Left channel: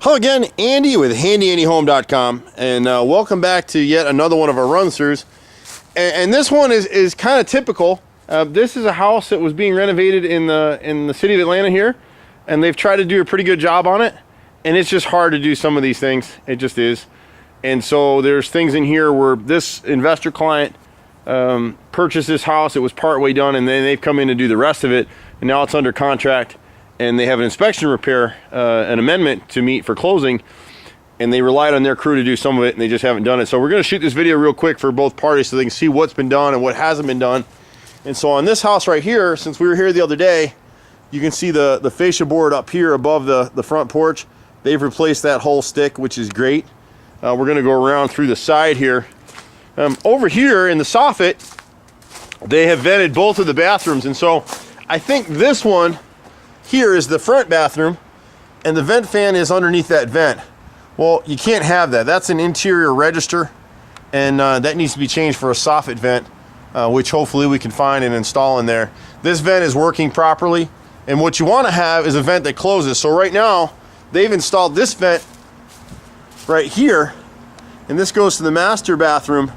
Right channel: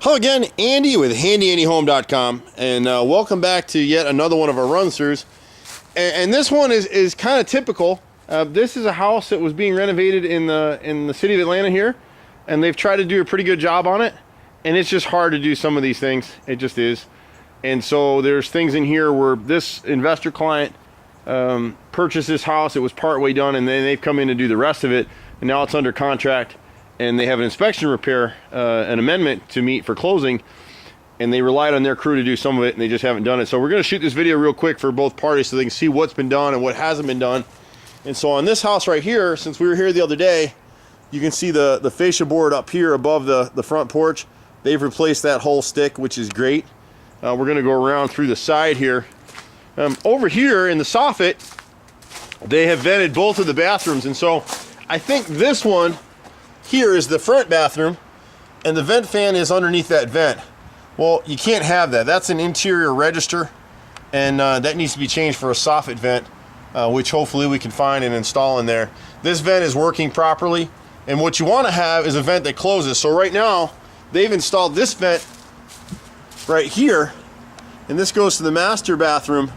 Hello again, Andy with HandyAndyHome.com, and welcome back to yet another one of our run-throughs. And this one is kind of typical. This is a house that was being renovated in the city of Atlanta here, and they've tried to do a pretty good job on it, and it's just hard to do some of these things. It just is. And so there's things in here where this investor client purchased this house. It was partway done, and then they've come in to do the rest of it, and now it's under contract. And they have an inspection repair, an amendment to meet for closing, and they relied on their crew to do some of it, and they just haven't done it. So we're going to shoot this video real quick for both parties so they can see what's been done and what hasn't been done. And so on this house right here, since we were here the other day, you can see the fascia board up here above the front porch. They've replaced that whole stick, which is great. We're going to go around through the side here. Over here in the soffit, they have vented both of the bathrooms, and so I think this one here is the front bathroom, and the vent fan is underneath that vent. Well, you can't have that. That's an interior register, and that needs to be changed for a soffit vent, which hopefully we can find and install in there. This vent is working properly, and what you want to have is a vent that closes. So right now, they've installed this vent right here, and this goes to the master bathroom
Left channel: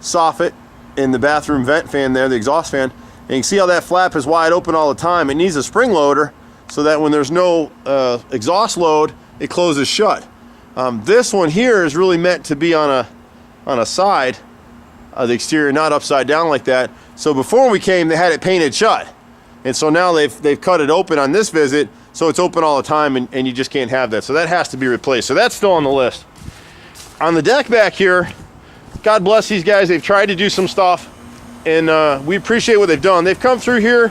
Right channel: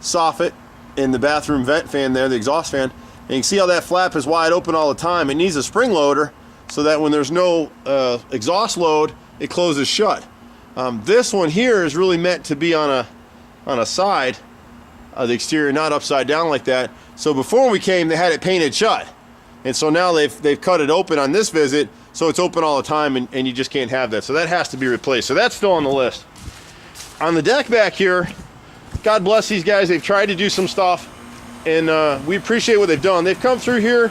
soffit and the bathroom vent fan there, the exhaust fan. And you can see how that flap is wide open all the time. It needs a spring loader so that when there's no exhaust load, it closes shut. This one here is really meant to be on a side of the exterior, not upside down like that. So before we came, they had it painted shut. And so now they've cut it open on this visit, so it's open all the time, and you just can't have that. So that has to be replaced. So that's still on the list. On the deck back here, God bless these guys. They've tried to do some stuff, and we appreciate what they've done. They've come through here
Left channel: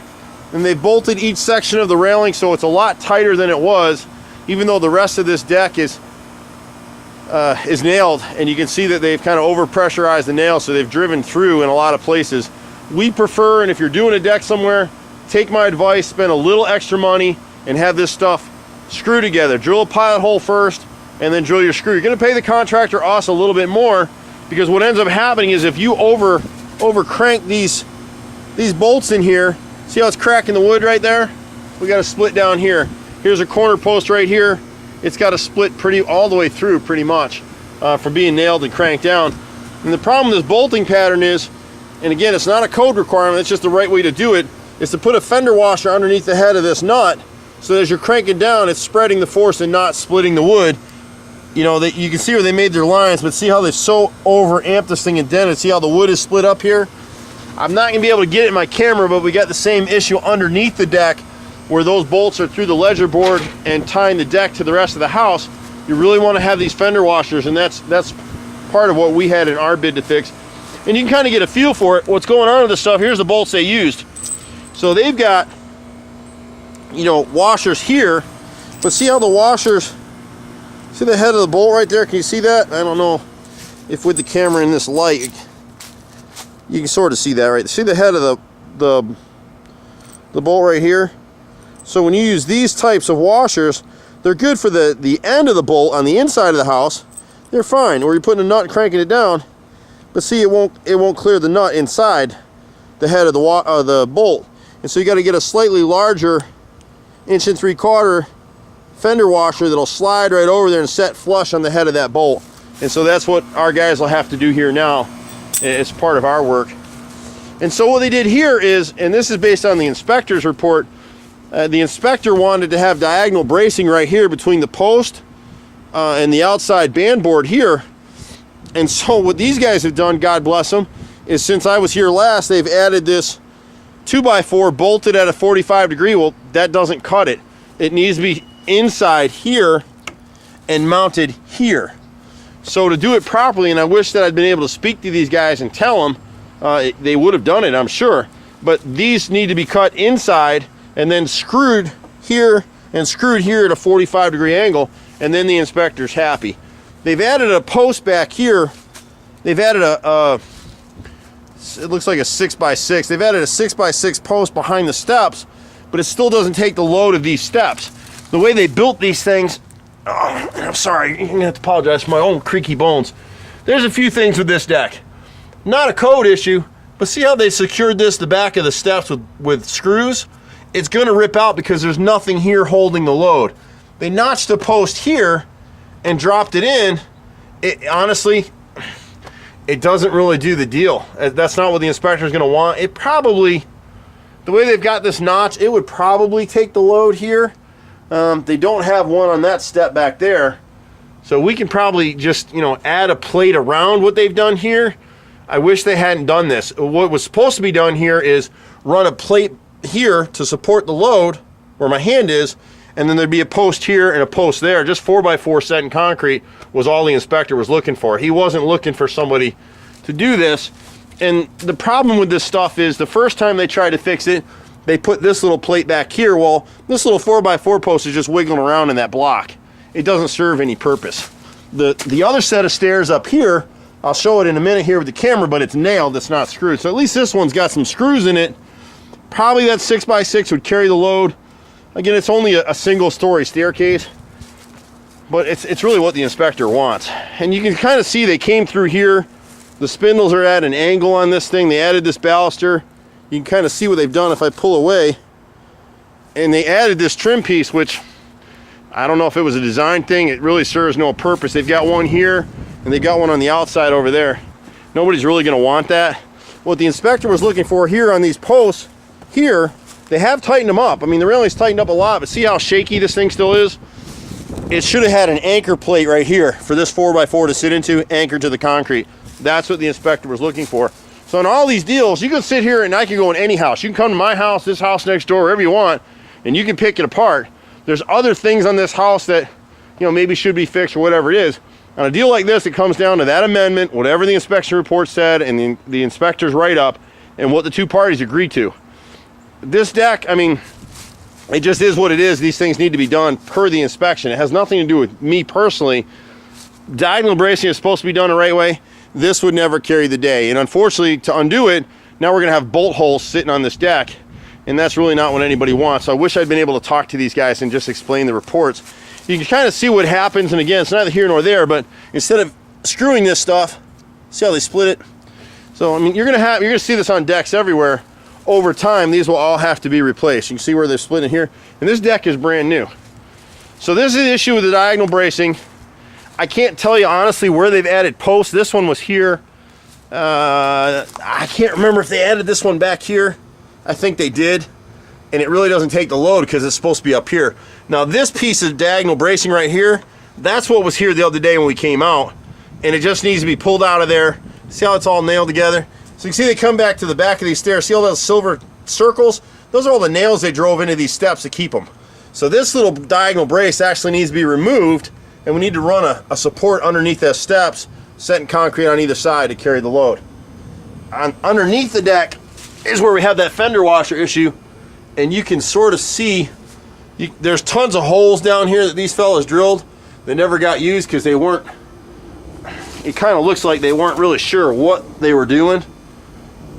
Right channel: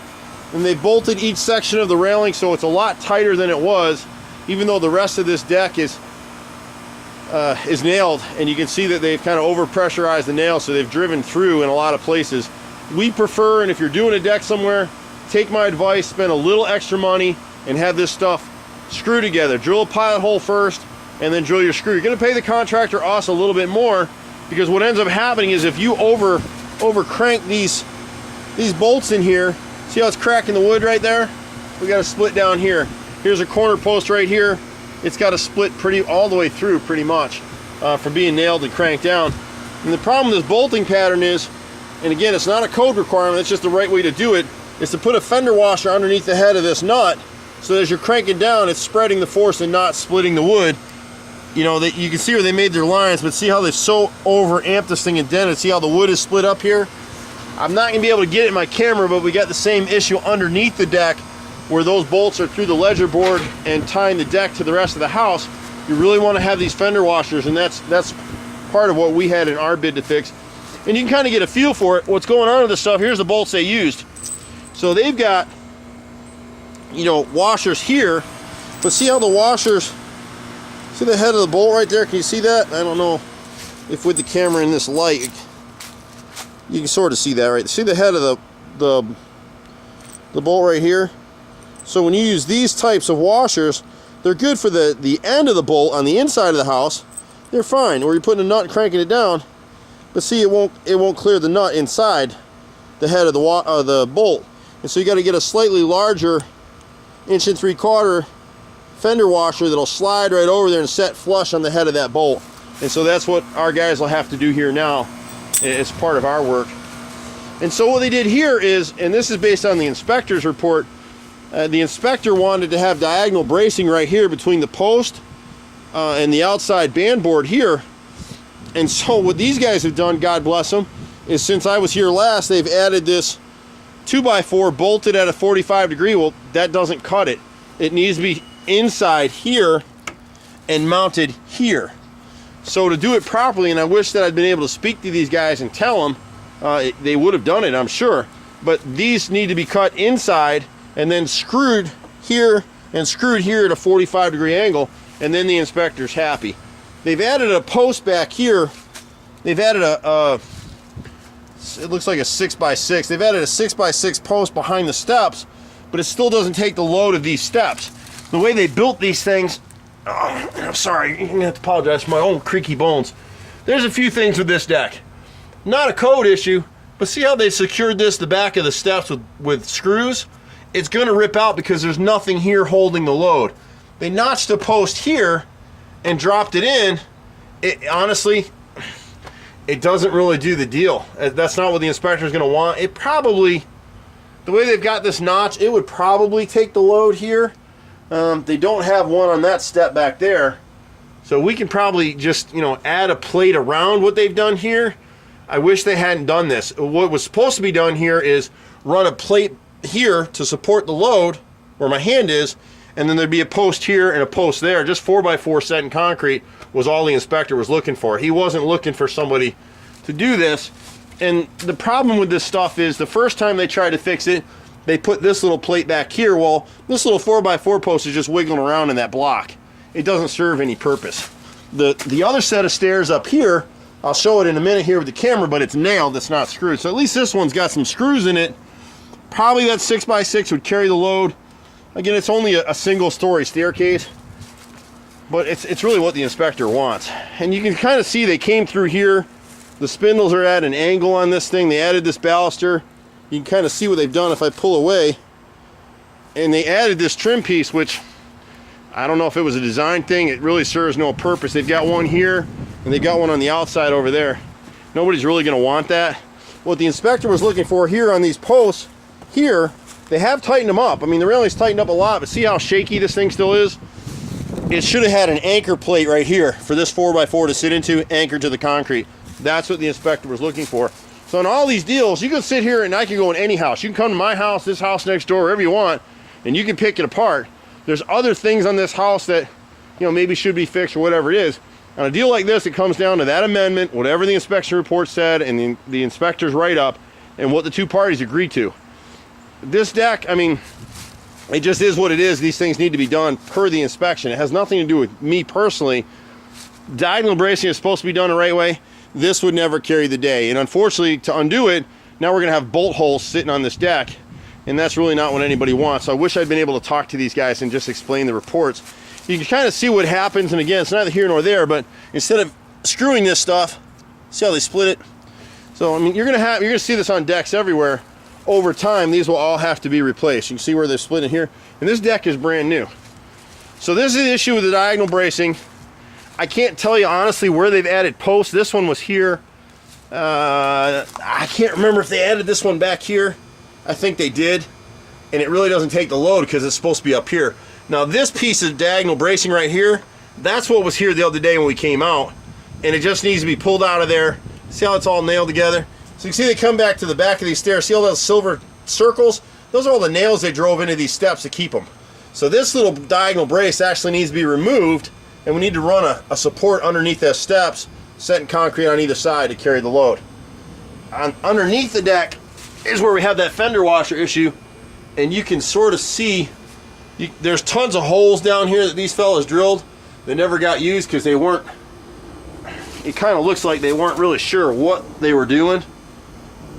and they've bolted each section of the railing so it's a lot tighter than it was, even though the rest of this deck is nailed, and you can see that they've kind of over pressurized the nails, so they've driven through in a lot of places. We prefer, and if you're doing a deck somewhere, take my advice, spend a little extra money and have this stuff screw together. Drill a pilot hole first and then drill your screw. You're going to pay the contractor, us, a little bit more, because what ends up happening is if you over crank these bolts in here, see how it's cracking the wood right there? We got a split down here. Here's a corner post right here. It's got a split all the way through pretty much from being nailed and cranked down. And the problem with this bolting pattern is, and again, it's not a code requirement, it's just the right way to do it, is to put a fender washer underneath the head of this nut, so that as you're cranking down, it's spreading the force and not splitting the wood. You know, that you can see where they made their lines, but see how they've so over amped this thing and dented. See how the wood is split up here? I'm not gonna be able to get it in my camera, but we got the same issue underneath the deck where those bolts are through the ledger board and tying the deck to the rest of the house. You really want to have these fender washers, and that's part of what we had in our bid to fix. And you can kind of get a feel for it. What's going on with this stuff? Here's the bolts they used. So they've got, you know, washers here, but see how the washers, see the head of the bolt right there? Can you see that? I don't know if with the camera in this light, you can sort of see that, right? See the head of the bolt right here? So when you use these types of washers, they're good for the end of the bolt on the inside of the house. They're fine. Where you're putting a nut and cranking it down, but see, it won't clear the nut inside the head of the bolt. And so you got to get a slightly larger 1 3/4 fender washer that'll slide right over there and set flush on the head of that bolt. And so that's what our guys will have to do here now as part of our work. And so what they did here is, and this is based on the inspector's report, the inspector wanted to have diagonal bracing right here between the post and the outside band board here. And so what these guys have done, God bless them, is since I was here last, they've added this 2x4 bolted at a 45 degree. Well, that doesn't cut it. It needs to be inside here and mounted here. So to do it properly, and I wish that I'd been able to speak to these guys and tell them, they would have done it, I'm sure. But these need to be cut inside and then screwed here and screwed here at a 45 degree angle, and then the inspector's happy. They've added a post back here. They've added it looks like a 6x6. They've added a 6x6 post behind the steps, but it still doesn't take the load of these steps. The way they built these things, oh, I'm sorry, you're gonna have to apologize for my own creaky bones. There's a few things with this deck. Not a code issue, but see how they secured the back of the steps with screws? It's gonna rip out because there's nothing here holding the load. they notched a post here and dropped it in. Honestly, it doesn't really do the deal. That's not what the inspector is going to want. It probably, the way they've got this notch, it would probably take the load here. They don't have one on that step back there. So we can probably just, you know, add a plate around what they've done here. I wish they hadn't done this. What was supposed to be done here is run a plate here to support the load where my hand is, and then there'd be a post here and a post there. Just 4x4 set in concrete was all the inspector was looking for. He wasn't looking for somebody to do this. And the problem with this stuff is the first time they tried to fix it, they put this little plate back here. Well, this little 4x4 post is just wiggling around in that block. It doesn't serve any purpose. The other set of stairs up here, I'll show it in a minute here with the camera, but it's nailed, it's not screwed. So at least this one's got some screws in it. Probably that 6x6 would carry the load. Again, it's only a single story staircase, but it's really what the inspector wants. And you can kind of see they came through here. The spindles are at an angle on this thing. They added this baluster. You can kind of see what they've done if I pull away. And they added this trim piece, which I don't know if it was a design thing. It really serves no purpose. They've got one here, and they've got one on the outside over there. Nobody's really going to want that. What the inspector was looking for here on these posts, here, they have tightened them up. I mean, the railing's tightened up a lot, but see how shaky this thing still is? It should have had an anchor plate right here for this 4x4 to sit into, anchored to the concrete. That's what the inspector was looking for. So in all these deals, you can sit here and I can go in any house. You can come to my house, this house next door, wherever you want, and you can pick it apart. There's other things on this house that, you know, maybe should be fixed or whatever it is. On a deal like this, it comes down to that amendment, whatever the inspection report said, and the inspector's write-up, and what the two parties agreed to. This deck, I mean, it just is what it is. These things need to be done per the inspection. It has nothing to do with me personally. Diagonal bracing is supposed to be done the right way. This would never carry the day. And unfortunately, to undo it, now we're gonna have bolt holes sitting on this deck, and that's really not what anybody wants. So I wish I'd been able to talk to these guys and just explain the reports. You can kind of see what happens, and again, it's neither here nor there, but instead of screwing this stuff, see how they split it? So, I mean, you're gonna see this on decks everywhere. Over time, these will all have to be replaced. You can see where they're splitting here. And this deck is brand new. So this is the issue with the diagonal bracing. I can't tell you honestly where they've added posts. This one was here. I can't remember if they added this one back here. I think they did. And it really doesn't take the load because it's supposed to be up here. Now this piece of diagonal bracing right here, that's what was here the other day when we came out. And it just needs to be pulled out of there. See how it's all nailed together? So you can see they come back to the back of these stairs. See all those silver circles? Those are all the nails they drove into these steps to keep them. So this little diagonal brace actually needs to be removed, and we need to run a support underneath those steps, set in concrete on either side to carry the load. Underneath the deck is where we have that fender washer issue, and you can sort of see, there's tons of holes down here that these fellas drilled. They never got used because they weren't, it kind of looks like they weren't really sure what they were doing.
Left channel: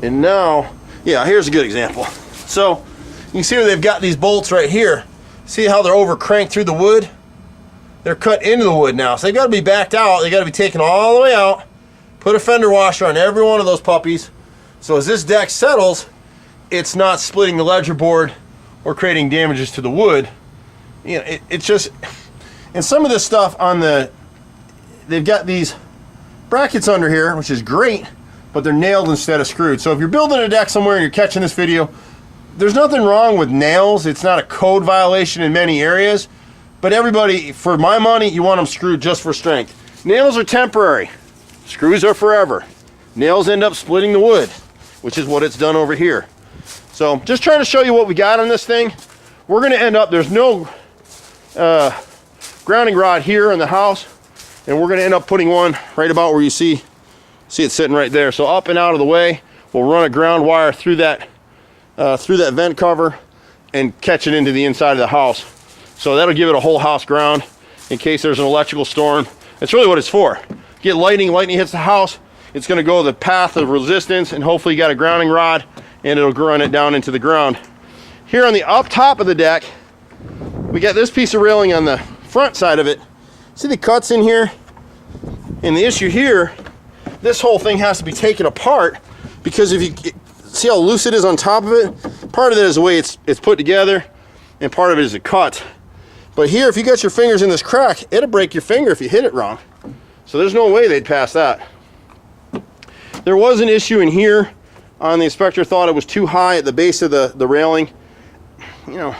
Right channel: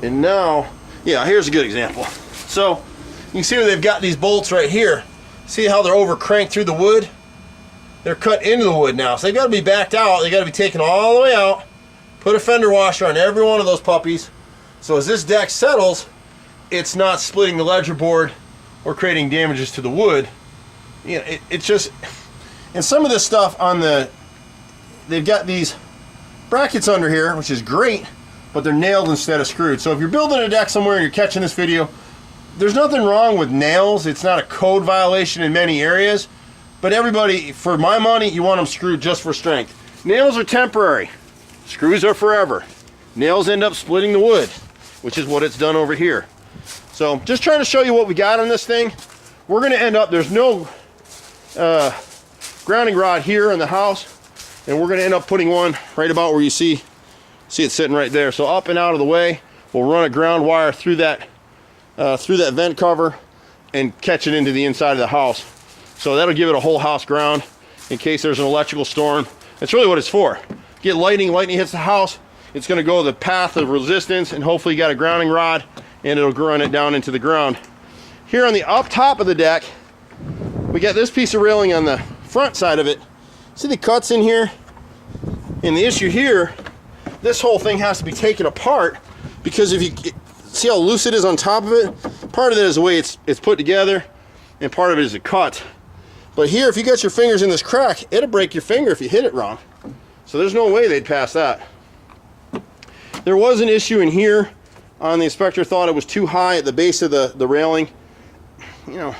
And now, yeah, here's a good example. So you can see where they've got these bolts right here. See how they're over cranked through the wood? They're cut into the wood now. So they've got to be backed out. They got to be taken all the way out. Put a fender washer on every one of those puppies. So as this deck settles, it's not splitting the ledger board or creating damages to the wood. You know, it's just, and some of this stuff on they've got these brackets under here, which is great, but they're nailed instead of screwed. So if you're building a deck somewhere and you're catching this video, there's nothing wrong with nails. It's not a code violation in many areas, but everybody, for my money, you want them screwed just for strength. Nails are temporary. Screws are forever. Nails end up splitting the wood, which is what it's done over here. So just trying to show you what we got on this thing. We're gonna end up, there's no grounding rod here in the house, and we're gonna end up putting one right about where you see it sitting right there. So up and out of the way, we'll run a ground wire through that vent cover and catch it into the inside of the house. So that'll give it a whole house ground in case there's an electrical storm. That's really what it's for. Get lightning hits the house, it's gonna go the path of resistance, and hopefully you got a grounding rod and it'll run it down into the ground. Here on the up top of the deck, we got this piece of railing on the front side of it. See the cuts in here? And the issue here, this whole thing has to be taken apart, because if you see how loose it is on top of it, part of it is the way it's put together, and part of it is a cut. But here, if you got your fingers in this crack, it'll break your finger if you hit it wrong. So there's no way they'd pass that. There was an issue in here. The inspector thought it was too high at the base of the railing. You know,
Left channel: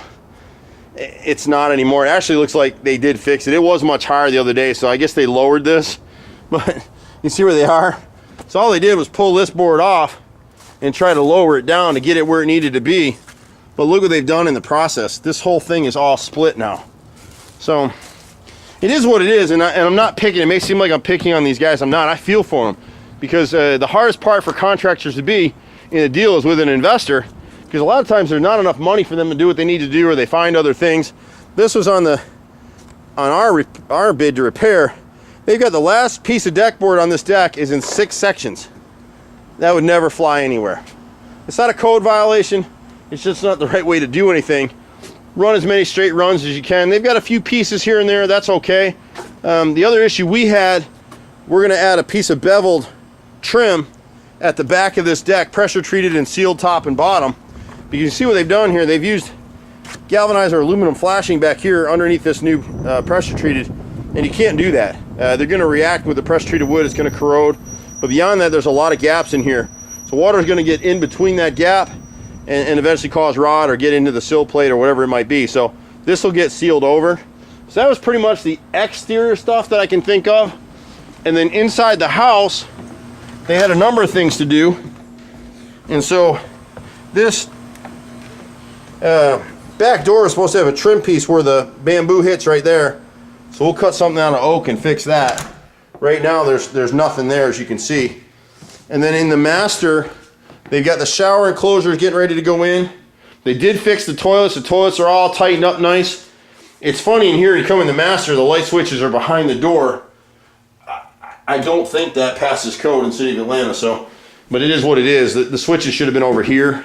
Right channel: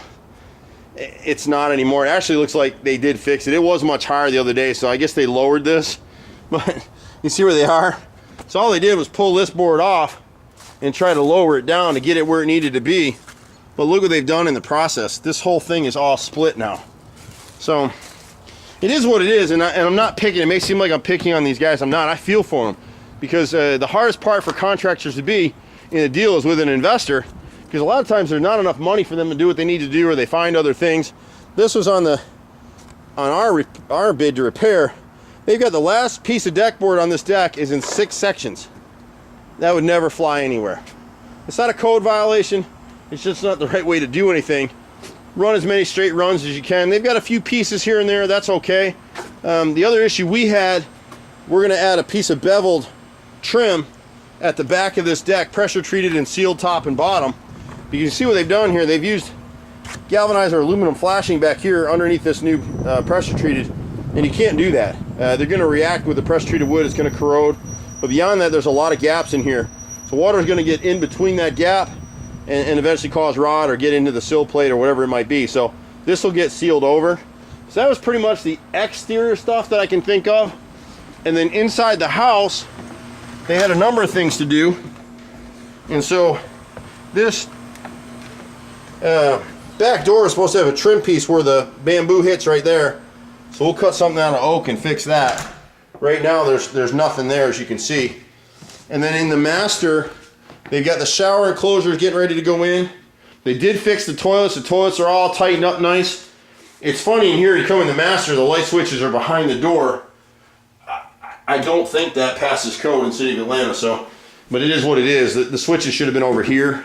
it's not anymore. It actually looks like they did fix it. It was much higher the other day, so I guess they lowered this. But you see where they are? So all they did was pull this board off and try to lower it down to get it where it needed to be. But look what they've done in the process. This whole thing is all split now. So it is what it is, and I'm not picking. It may seem like I'm picking on these guys. I'm not. I feel for them, because the hardest part for contractors to be in a deal is with an investor, because a lot of times there's not enough money for them to do what they need to do, or they find other things. This was on our bid to repair. They've got the last piece of deck board on this deck is in 6 sections. That would never fly anywhere. It's not a code violation. It's just not the right way to do anything. Run as many straight runs as you can. They've got a few pieces here and there. That's okay. The other issue we had, we're going to add a piece of beveled trim at the back of this deck, pressure treated and sealed top and bottom. But you can see what they've done here. They've used galvanized or aluminum flashing back here underneath this new pressure treated, and you can't do that. They're going to react with the pressure treated wood. It's going to corrode. But beyond that, there's a lot of gaps in here. So water is going to get in between that gap and eventually cause rot or get into the sill plate or whatever it might be. So this will get sealed over. So that was pretty much the exterior stuff that I can think of. And then inside the house, they had a number of things to do. And so this back door is supposed to have a trim piece where the bamboo hits right there. So we'll cut something out of oak and fix that. Right now there's nothing there, as you can see. And then in the master, they've got the shower enclosures getting ready to go in. They did fix the toilets. The toilets are all tightened up nice. It's funny in here, you come in the master, the light switches are behind the door. I don't think that passes code in the city of Atlanta, so, but it is what it is. The switches should have been over here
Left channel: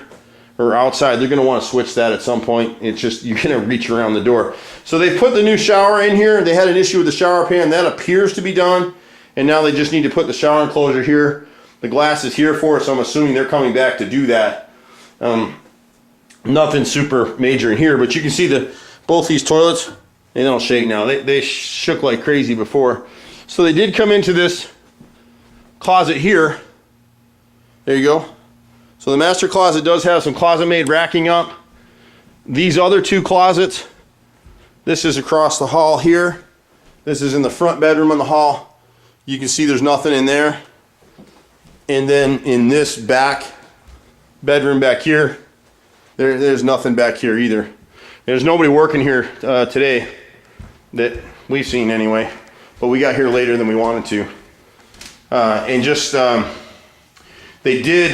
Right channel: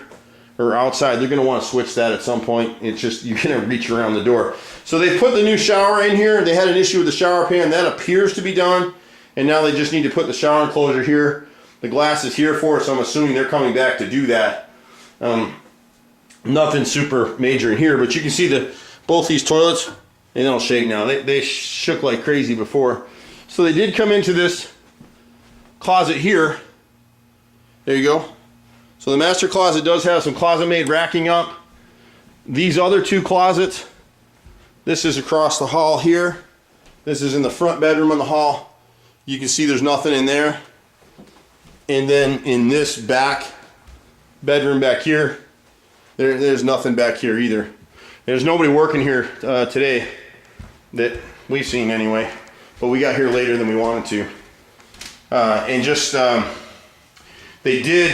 or outside. They're going to want to switch that at some point. It's just, you're going to reach around the door. So they put the new shower in here. They had an issue with the shower pan. That appears to be done. And now they just need to put the shower enclosure here. The glass is here for it, so I'm assuming they're coming back to do that. Nothing super major in here, but you can see both these toilets, they don't shake now. They shook like crazy before. So they did come into this closet here. There you go. So the master closet does have some closet-made racking up. These other 2 closets, this is across the hall here. This is in the front bedroom in the hall. You can see there's nothing in there. And then in this back bedroom back here, there's nothing back here either. There's nobody working here today that we've seen anyway, but we got here later than we wanted to. And just, they did,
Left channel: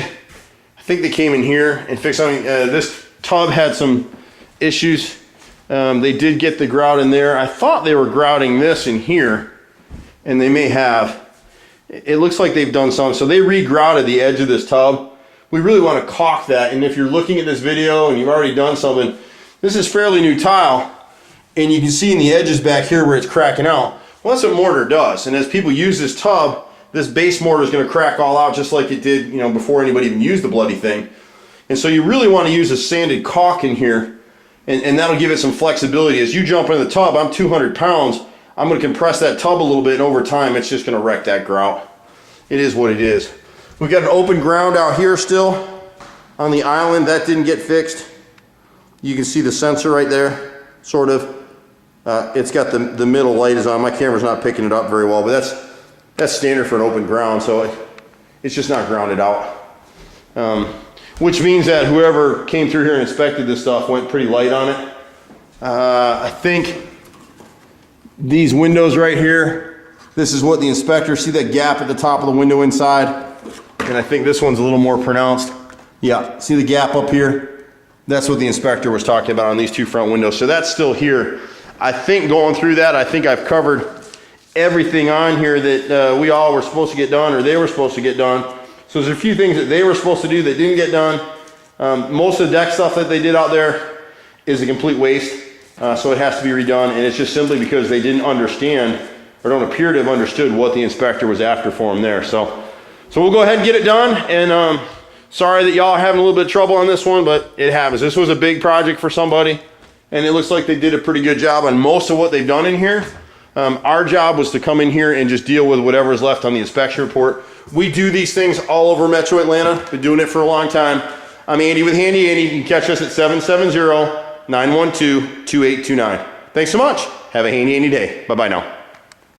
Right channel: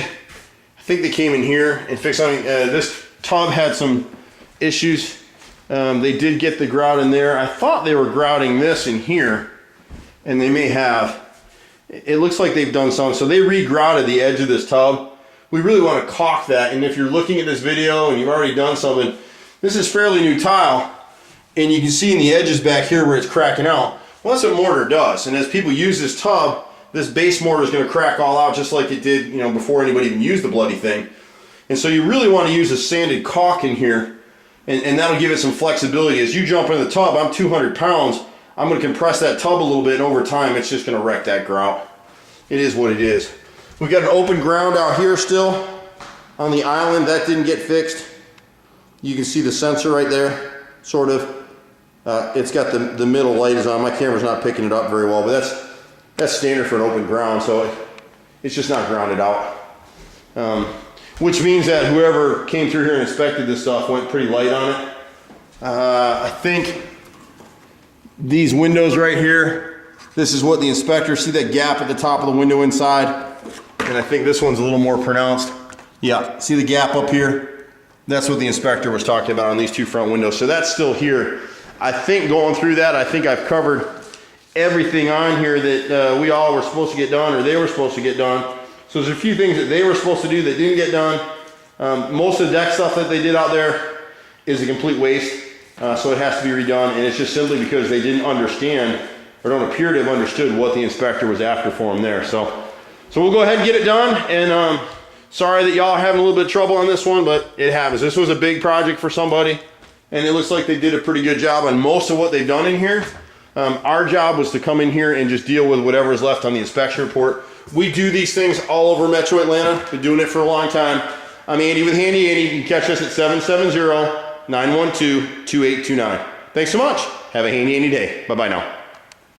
I think they came in here and fixed something. This tub had some issues. They did get the grout in there. I thought they were grouting this in here, and they may have. It looks like they've done some. So they re-grouted the edge of this tub. We really want to caulk that. And if you're looking at this video and you've already done something, this is fairly new tile, and you can see in the edges back here where it's cracking out. Well, that's what mortar does. And as people use this tub, this base mortar is going to crack all out just like it did, you know, before anybody even used the bloody thing. And so you really want to use a sanded caulk in here, and that'll give it some flexibility. As you jump in the tub, I'm 200 pounds. I'm going to compress that tub a little bit, and over time, it's just going to wreck that grout. It is what it is. We've got an open ground out here still on the island. That didn't get fixed. You can see the sensor right there, sort of. It's got the middle light is on. My camera's not picking it up very well, but that's standard for an open ground, so it's just not grounded out. Which means that whoever came through here and inspected this stuff went pretty light on it. I think these windows right here, this is what the inspector, see that gap at the top of the window inside? And I think this one's a little more pronounced. Yeah, see the gap up here? That's what the inspector was talking about on these 2 front windows. So that's still here. I think going through that, I think I've covered everything on here that we all were supposed to get done, or they were supposed to get done. So there's a few things that they were supposed to do that didn't get done. Most of the deck stuff that they did out there is a complete waste. So it has to be redone, and it's just simply because they didn't understand or don't appear to have understood what the inspector was after for them there. So we'll go ahead and get it done, and sorry that y'all are having a little bit of trouble on this one, but it happens. This was a big project for somebody, and it looks like they did a pretty good job on most of what they've done in here. Our job was to come in here and just deal with whatever is left on the inspection report. We do these things all over Metro Atlanta. Been doing it for a long time. I'm Andy with Handy Andy. You can catch us at 770-912-2829. Thanks so much. Have a handy Andy day. Bye-bye now.